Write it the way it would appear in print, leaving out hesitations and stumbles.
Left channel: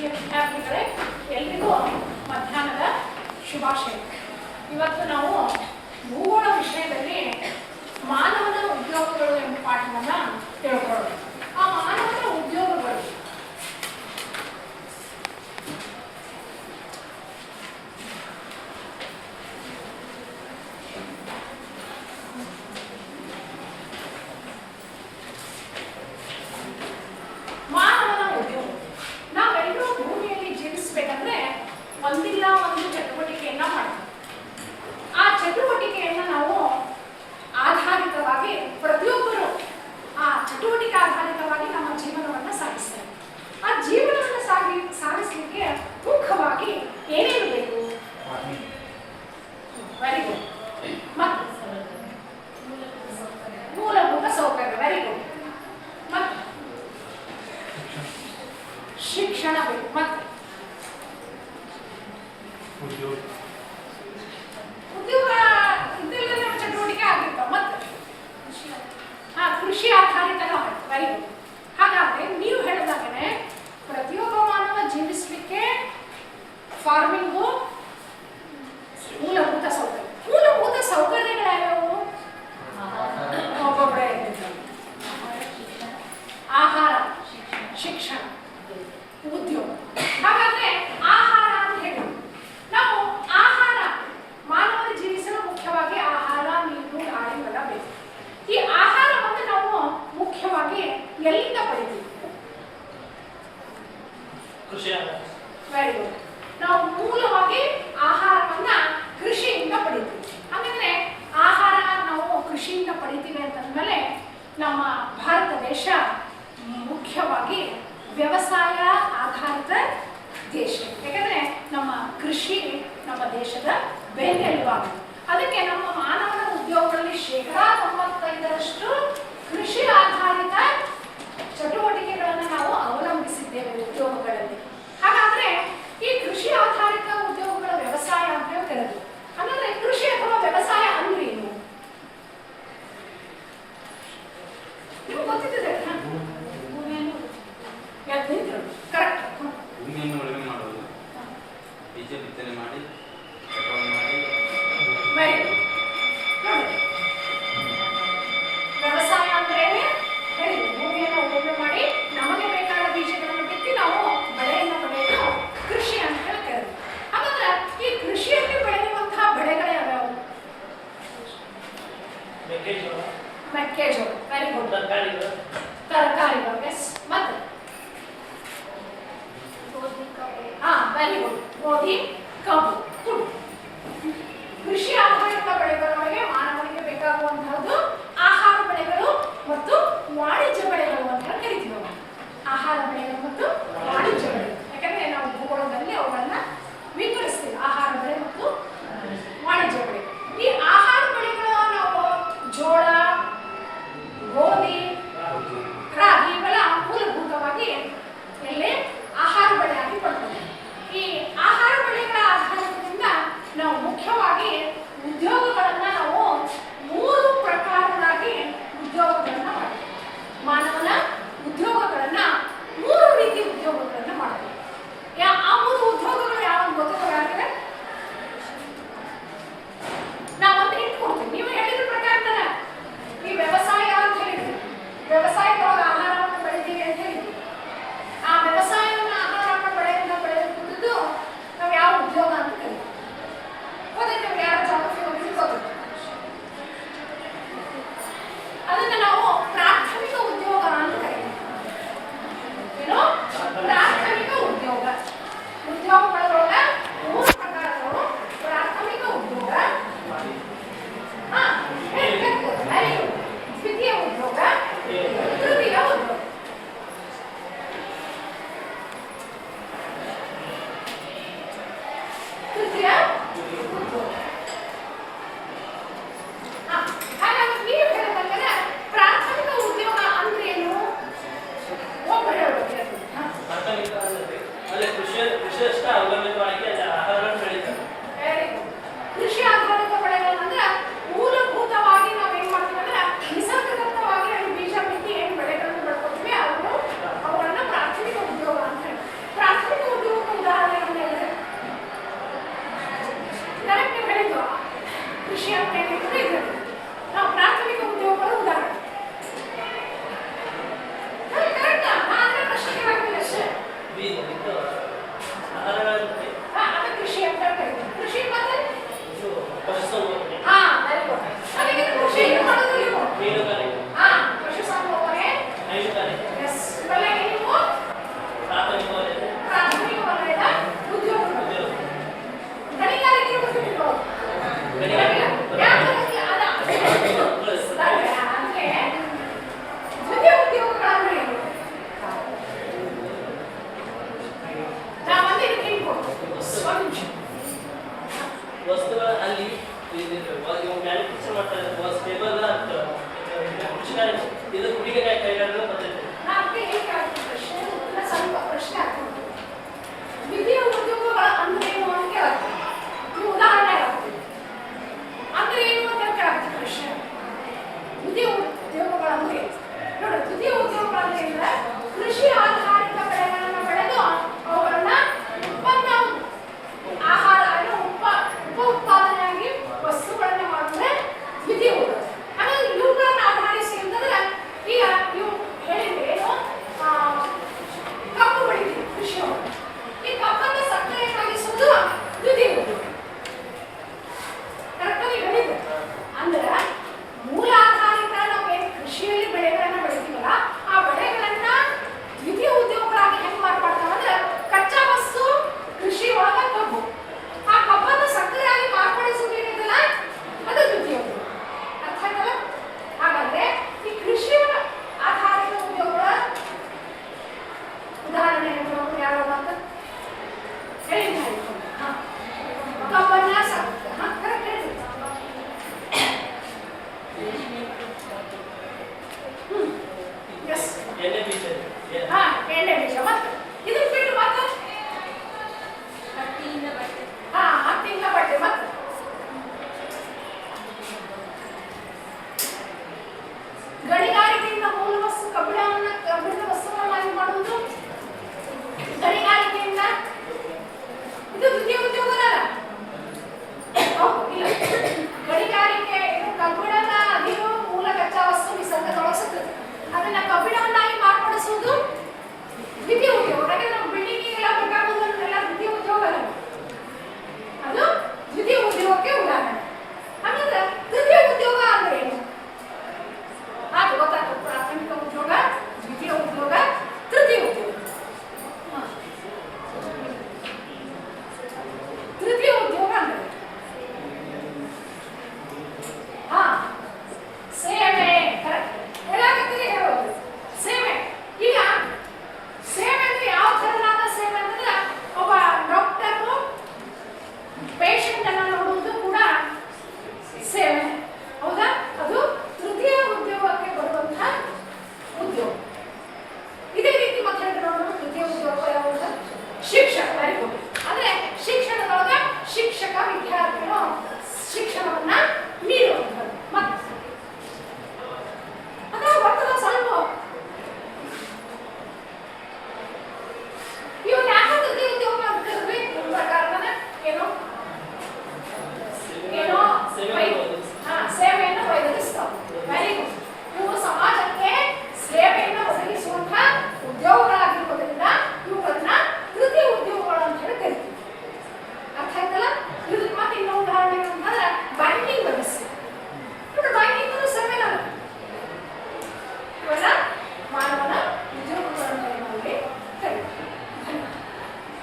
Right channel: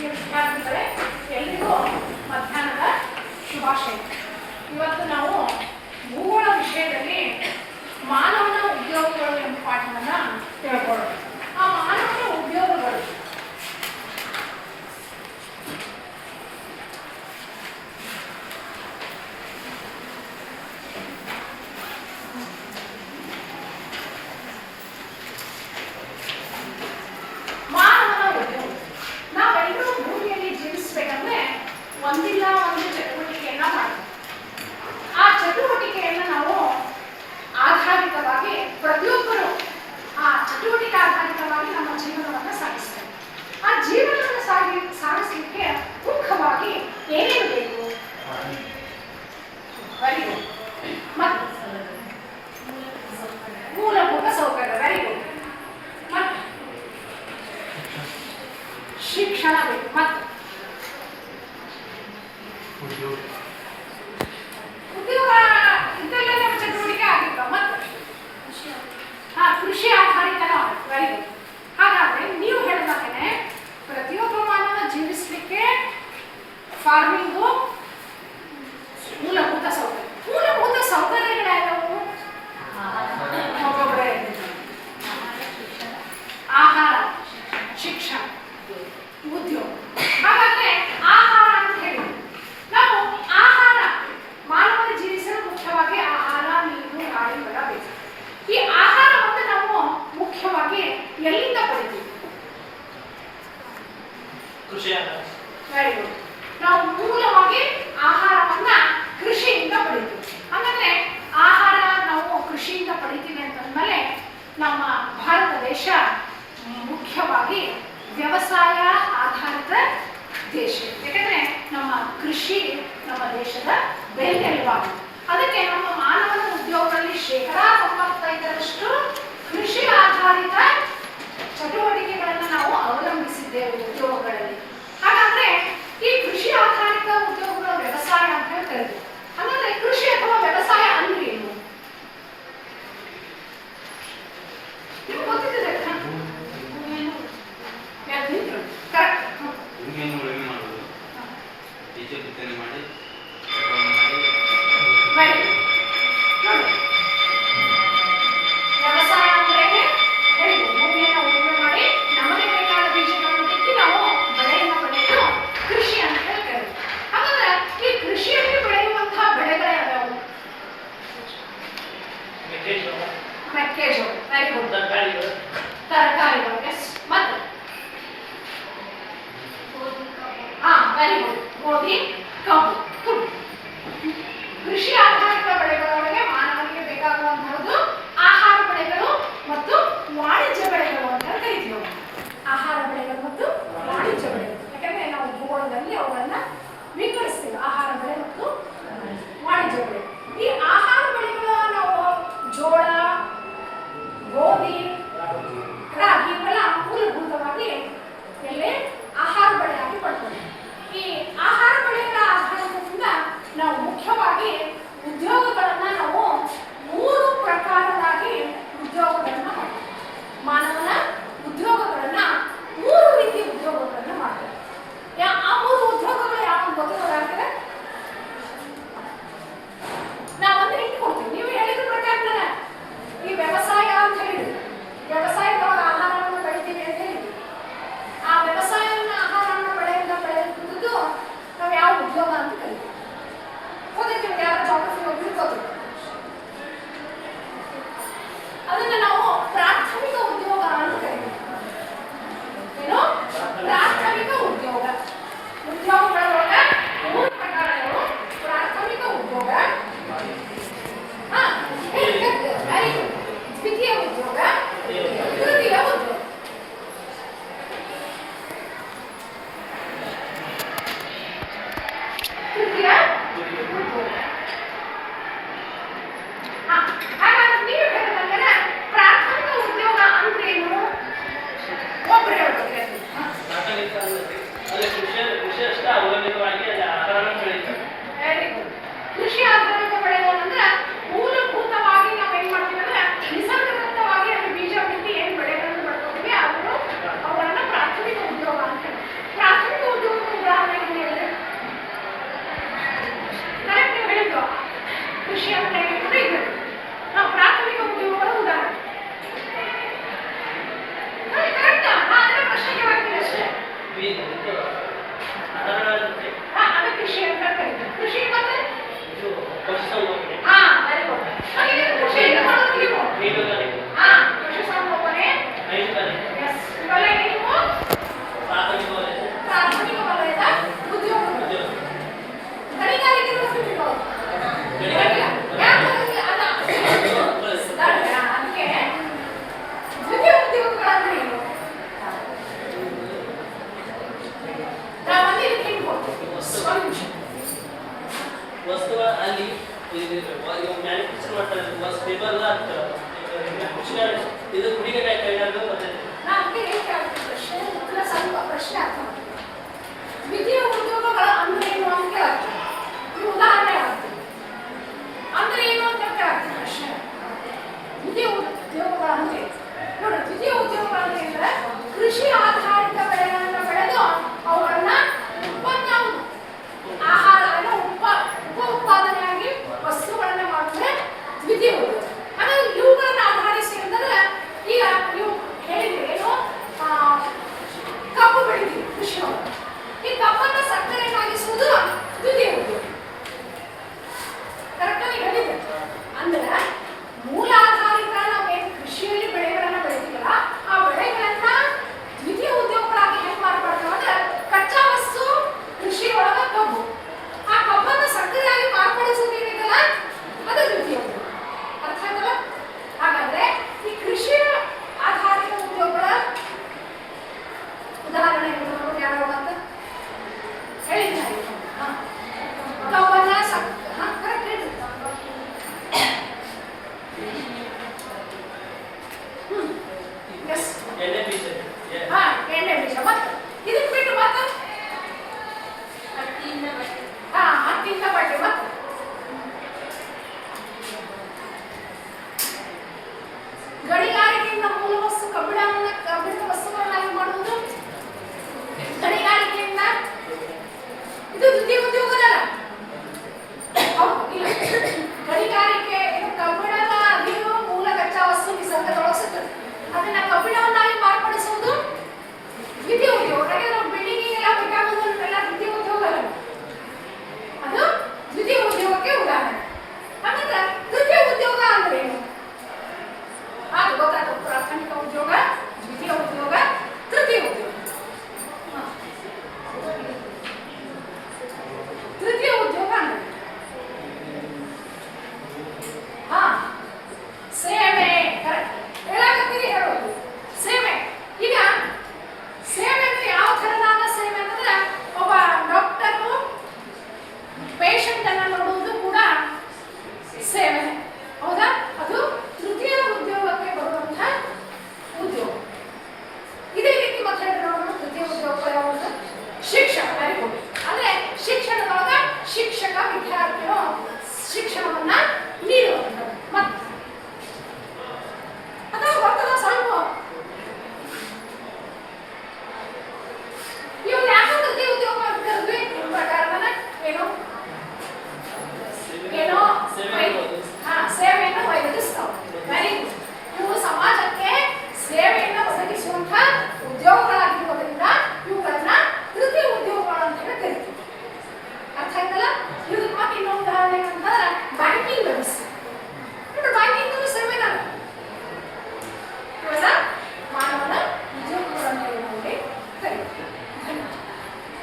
ಪ್ರಿಯ ವಿದ್ಯಾರ್ಥಿಗಳೇ, ಎಲ್ರಿಗೂ ಮಧ್ಯಾಹ್ನದ ಶುಭಾಶಯ. ಇವತ್ತು ನಾವು ಭೂಗೋಳ ವಿಷಯದಲ್ಲಿ ಮಾನವನ ಉದ್ಯೋಗಗಳು ಎಂಬ ಪಾಠವನ್ನು ತಿಳ್ಕೊಳ್ಳೋಣ. ಆ ಮಾನವನ ಉದ್ಯೋಗಗಳು ಒಂದಿಲ್ಲ ಒಂದು ಚಟುವಟಿಕೆಯನ್ನ ಮಾಡ್ತೀವಿ. ಆ ಚಟುವಟಿಕೆಯನ್ನು ನಾವು ಆಧಾರಿತವಾಗಿ ಪ್ರತಿಯೊಬ್ಬರು ಆ ಚಟುವಟಿಕೆ ಆಧಾರಿತವಾಗಿ ನಮ್ಮ ಜೀವನವನ್ನು ಸಾಗಿಸ್ತೇವೆ. ಆ ಜೀವನವನ್ನು ಸಾಗಿಸಲಿಕ್ಕೆ ಮುಖ್ಯವಾಗಿ ಏನೇನು ಬೇಕು? Very good. ಮತ್ತು ಮೂಲಭೂತ ಸೌಕರ್ಯ. Very good. ಮತ್ತು ಶಿಕ್ಷಣ ಬೇಕು. ಮತ್ತು ಉದ್ಯೋಗ ಇದೆಲ್ಲ ಚಟುವಟಿಕೆ ಆಗಿರ್ತಾವ. ಮತ್ತು ಕೃಷಿ ಆಧಾರಿತನ. Very good. ಹಾಗಾದ್ರೆ ನೀವು ಹೇಳಿದಾಗನೆ ಪ್ರತಿಯೊಬ್ಬ ಮಾನವ ಜೀವಿಸಲಿಕ್ಕೆ ಫಾರ್ಮಿಂಗು ಮೂಲಭೂತ ಸೌಕರ್ಯ. ಮೂಲಭೂತ ಸೌಕರ್ಯಗಳ್ಯಾವು? ಆಹಾರ, ಶಿಕ್ಷಣ, ಉದ್ಯೋಗ. ಹಾಗಾದ್ರೆ ಆಹಾರ ಅಂತ ಹೇಳಿ ನಾವು ಆಹಾರ ಮಾನವನ ಜೀವಿಸಲು ಮುಖ್ಯವಾಗಿ ಆಹಾರ, ನೀರು, ಗಾಳಿ, ಬಲ ಬೇಕು. ಈ ಆಹಾರವನ್ನು ನಾವು ಮುಖ್ಯವಾಗಿ ಎಲ್ಲಿಂದ ಪಡಿತೀವಿ? Very good. ನಾವು ಮೂಲವಾಗಿ ಆಹಾರವನ್ನ ಕೃಷಿಯಿಂದ ಪಡಿತೀವಿ. ಹಾಗಾದ್ರೆ ಆಹಾರ ನಾವು ಕೃಷಿಯಿಂದ ಪಡಿತೀವಿ ಅಂತಂದ್ಮೇಲೆ ನಮ್ಮ ಭಾರತ ದೇಶ ಮುಖ್ಯವಾಗಿ ವ್ಯವಸಾಯ ಆಧಾರಿತ ದೇಶ. ಯಾಕಂದ್ರೆ ನಮ್ಮ ಕೃಷಿ ನಮ್ಮ ದೇಶದ ಬೆನ್ನೆಲುಬಾಗಿದೆ. ಅದಕ್ಕೆ ನಮ್ಮ ಮಾನವನ ಉದ್ಯೋಗಗಳಲ್ಲಿ 95% ಕೃಷಿ ಆಧಾರಿತ ಚಟುವಟಿಕೆಗಳನ್ನು ನಾವು ಅವಲಂಬಿಸಿದ್ದೇವೆ ಉದ್ಯೋಗಗಳಲ್ಲಿ. ಹಾಗಾದ್ರೆ ಈ ಕೃಷಿ ಆಧಾರಿತ ಉದ್ಯೋಗಗಳ ವ್ಯವಸಾಯ ಅಂತ ಹೇಳಿ ಕರೆದು, ಹಾಗಾದ್ರೆ ಕೃಷಿ ಅಥವಾ ವ್ಯವಸಾಯ ಅಂದ್ರೆ ಏನು? ನೀವು ಗೊತ್ತಿದೆ ಕರೆಕ್ಟ್. ವ್ಯವಸಾಯ ಅಂದ್ರೆ ಹೇಳಿ, ಭೂಮಿಯನ್ನು ಉಳುಮೆ ಮಾಡಿ ನಮಗೆ ಬೇಕಾದ ಬೀಜಗಳನ್ನು ಬಿತ್ತಿ ನಾವು ಬೆಳೆಯನ್ನು ಬೆಳೆಯೋದು ಕೃಷಿ ಅಂತ ಹೇಳ್ತೇವೆ. ಹಾಗಾದ್ರೆ ಈ ಕೃಷಿಯಲ್ಲಿ ಬೆಳೆಯುವಂತಹ ಬೆಳೆಗಳು ಯಾವ್ಯಾವು? ಮೆಕ್ಕೆಜೋಳ. Very good. ತರಕಾರಿಗಳು. ಎಸ್. ಮತ್ತೆ ವೆರಿ ಗುಡ್. ಗೋಧಿ, ಕಬ್ಬು. ಕೃಷಿ ಆಧಾರಿತ ಬೆಳೆಗಳೊಳಗೆ ಮಾನವನಿಗೆ ಬೇಕಾಗುವಂತಹದ್ದು ಆಹಾರ ಬೆಳೆಗಳು ಮತ್ತು ವಾಣಿಜ್ಯ ಬೆಳೆಗಳು ಅಂತ ಕರಿತೀವಿ. ಆಹಾರ ಬೆಳೆಗಳು ಮತ್ತು ವಾಣಿಜ್ಯ ಬೆಳೆಗಳು. ಯಾಕಂದ್ರೆ ನಾವು ಭೂಗೋಳದಲ್ಲಿ ಅವುಗಳನ್ನ ವಿಂಗಡಿಸ್ತೀವಿ, ಆಹಾರ ಬೆಳೆ ಮತ್ತು ವಾಣಿಜ್ಯ ಬೆಳೆ. ಈ ಆಹಾರ ಬೆಳೆಗಳು ನಾವು ಜೋಳ, ಗೋಧಿ, ರಾಗಿ ಇವೆಲ್ಲ ಮೂಲಭೂತವಾಗಿ ಎಲ್ಲಿ ಆಹಾರ ಬೆಳೆಯಾಗಿ ಪಡ್ತೀವಿ. ಈ ಆಹಾರ ಬೆಳೆಗಳ ಆಧಾರದಿಂದ ನಾವು ಮುಖ್ಯವಾಗಿ ಉದ್ಯೋಗಗಳನ್ನ ನಾವು 3 ಪ್ರಕಾರವಾಗಿ ಉದ್ಯೋಗಗಳನ್ನ ಮಾಡ್ತೀವಿ. ಮಾನವನ ಉದ್ಯೋಗಗಳನ್ನ 3 ರೀತಿ ಉದ್ಯೋಗಗಳನ್ನ ಮಾಡ್ತೀವಿ. ಆ 3 ಉದ್ಯೋಗಗಳು ಯಾವ ಗೊತ್ತಾಗಿದೆ? ನಾವೊಂದು ಇಟ್ಕೊಡ್ತೀವಿ. ನೀವು ಹೇಳಿದ ಪ್ರಕಾರ ಈ ವ್ಯವಸಾಯ ಅಂತ ಹೇಳಿದ್ವಿ. ವ್ಯವಸಾಯದೊಳಗೆ ಆಹಾರವನ್ನು ಬೆಳಿತೀವಿ ಅಂತ ಹೇಳಿದ್ವಿ. ಆ ವ್ಯವಸಾಯವನ್ನು ಆಹಾರವನ್ನು ಬೆಳೆಯುವುದು ನಾವು ಯಾವ ಉದ್ಯೋಗ ಅಂತ ಕರಿತೀವಿ? ಗೊತ್ತೈತಿ? ಯಾರ ಜಾಗ್ರಫಿ ಹೋಗಿದ್ರು ಗೊತ್ತಿಲ್ಲ. ಅದನ್ನ ನಾವು ಪ್ರಾಥಮಿಕ ಉದ್ಯೋಗ ಅಂತ ಕರಿತೀವಿ. ಏನು? ಪ್ರಾಥಮಿಕ ಉದ್ಯೋಗ. ಉದ್ಯೋಗಗಳೊಳಗ 3 ಪ್ರಕಾರಗಳು. ಪ್ರಾಥಮಿಕ ಉದ್ಯೋಗ, ದ್ವಿತೀಯ ಉದ್ಯೋಗ, ತೃತೀಯ ಉದ್ಯೋಗ. ಹಾಗಾದ್ರೆ ನೀವು ಹೇಳಿದಂಗೆ ಪ್ರಾಥಮಿಕ ಉದ್ಯೋಗ ಅಂದ್ರೆ ಏನು? ಒಬ್ಬರು ಹೇಳ್ಬೇಕು. ಕೃಷಿ ಆಧಾರಿತ ಬೆಳೆಗಳಂದ್ರೆ ಮೂಲಭೂತವಾಗಿ ನಾವೇನ್ ಮಾಡ್ತೀವಿ ಅಂದ್ರೆ ನಿಸರ್ಗದತ್ತವಾಗಿ ಅಲ್ಲಿ ಬೀಜ ಬಿತ್ತಿ ಏನ್ ಬೆಳೆಗಳನ್ನು ಬೆಳ್ಕೊತೀವಿ ಅವುಗಳನ್ನ ಪ್ರಾಥಮಿಕ ಉದ್ಯೋಗ ಅಂತ ಹೇಳಿ. ಪ್ರಾಥಮಿಕ ವಸ್ತುಗಳ ಅಲ್ಲಿ ಮ್ಯಾನುಫ್ಯಾಕ್ಚರ್ ಮಾಡ್ತಾರೆ ಸ್ಟೇಬಲ್ ಇದು ಕುಡಿಗೆ ಕೈಗಾರಿಕೆ ಪದ್ಧತಿ. ಪ್ರಶ್ನೆ ಉತ್ತರ ಸ್ವಲ್ಪ ಪ್ರಶ್ನೆ ಅರ್ಥ ಮಾಡ್ತೀವಿ. ದ್ವಿತೀಯ ಉದ್ಯೋಗಗಳ ಅಂದ್ರೆ ಏನು ಅಂತ ಕೇಳಾಗ್ತೀವಿ. ಈ ಉದಾಹರಣೆ ಆಗ್ತೀವಿ ಅಂದ್ರೆ ಏನು ಅಂತ ಕೇಳಾಗ್ತೀವಿ ಪ್ರಶ್ನೆ. ದ್ವಿತೀಯ ಉದ್ಯೋಗಗಳ ಅಂದ್ರೆ ನೋಡಿ, ದ್ವಿತೀಯ ಉದ್ಯೋಗಗಳಂದ್ರೆ ಅಂದ್ರೆ ಕೃಷಿ ಆಧಾರಿತ ಬೆಳೆಗಳನ್ನು ಬೆಳೆದು ಅವುಗಳನ್ನ ಉತ್ಪನ್ನ ಆಹಾರ ಉಪ ಉತ್ಪಾದನೆಯಾಗಿ ವಸ್ತುಗಳನ್ನ ಮಾಡಿದ್ರೆ ದ್ವಿತೀಯ ಉದ್ಯೋಗ. ಹಾಗಾಗಿ ಇವುಗಳನ್ನ ಆಧರಿಸಿ ಅಂತಂದ್ರೆ ಈಗ ನೀವು ಹೇಳಿದ್ರೆ ಏನು ಕಬ್ಬು ಬೆಳಿತೀವಿ ಕೃಷಿ. ಈ ಕಬ್ಬನ್ನ ಸಕ್ಕರೆಯಾಗಿಸುವುದು ದ್ವಿತೀಯ ಉದ್ಯೋಗ. ಕರೆಕ್ಟಾಗಿ ಹೇಳಿದೆ. ಅಂದ್ರೆ ಮೂಲ ಆಧಾರಿತ ನಾವು ಏನು ಕೃಷಿಯಲ್ಲಿ ಬೆಳೆಗಳನ್ನ ಬೆಳಿತೀವಲ್ಲ ಆ ಬೆಳೆಗಳನ್ನ ದ್ವಿತೀಯ ಉದ್ಯೋಗಗಳಾಗಿ ಹೆಂಗ್ ಮಾರ್ಪಡ್ತಾವ ಅಂದ್ರೆ ಕಚ್ಚಾ ವಸ್ತು ಕೃಷಿ ಒಳಗ ಕಬ್ಬು, ಆ ಕಬ್ಬನ್ನ ಸಕ್ಕರೆಯಾಗಿ ಮಾರ್ಪಡಿಸೋದು ಏನಿದೆಯಲ್ಲ ಅದು ದ್ವಿತೀಯ ಉದ್ಯೋಗ. ಅರ್ಥ ಆಯ್ತಲ್ಲ? ಹಾಗಾದ್ರೆ ಈ ಕೃಷಿ ಆಧಾರಿತ ಉದ್ಯೋಗಗಳ ಉದಾಹರಣೆ ಹೇಳಿದ್ರು ಯಾರು ಅಂತ ಹೇಳಿದ್ದಾರೆ. ಕಬ್ಬನ್ನ ಕರೆಕ್ಟ್ ಹೇಳಿ. ಎಣ್ಣೆ ಬೀಜ ಎಣ್ಣೆ ಬೀಜ ಮತ್ತೆ ಇದಕ್ಕೆ ಬಿಟ್ಟು ಮತ್ತೆ ಹತ್ತಿಯಿಂದ ಬಟ್ಟೆ ಮತ್ತೆ ಗಣಿಗಾರಿಕೆಯಿಂದ ಮೂಲ ವಸ್ತು ಕಬ್ಬಿಣದ ವಸ್ತುಗಳನ್ನಾಗಿ ಮಾಡುವುದು ಗಣಿಗಾರಿಕೆಯಿಂದ ಇದು ದ್ವಿತೀಯ ಉದ್ಯೋಗ.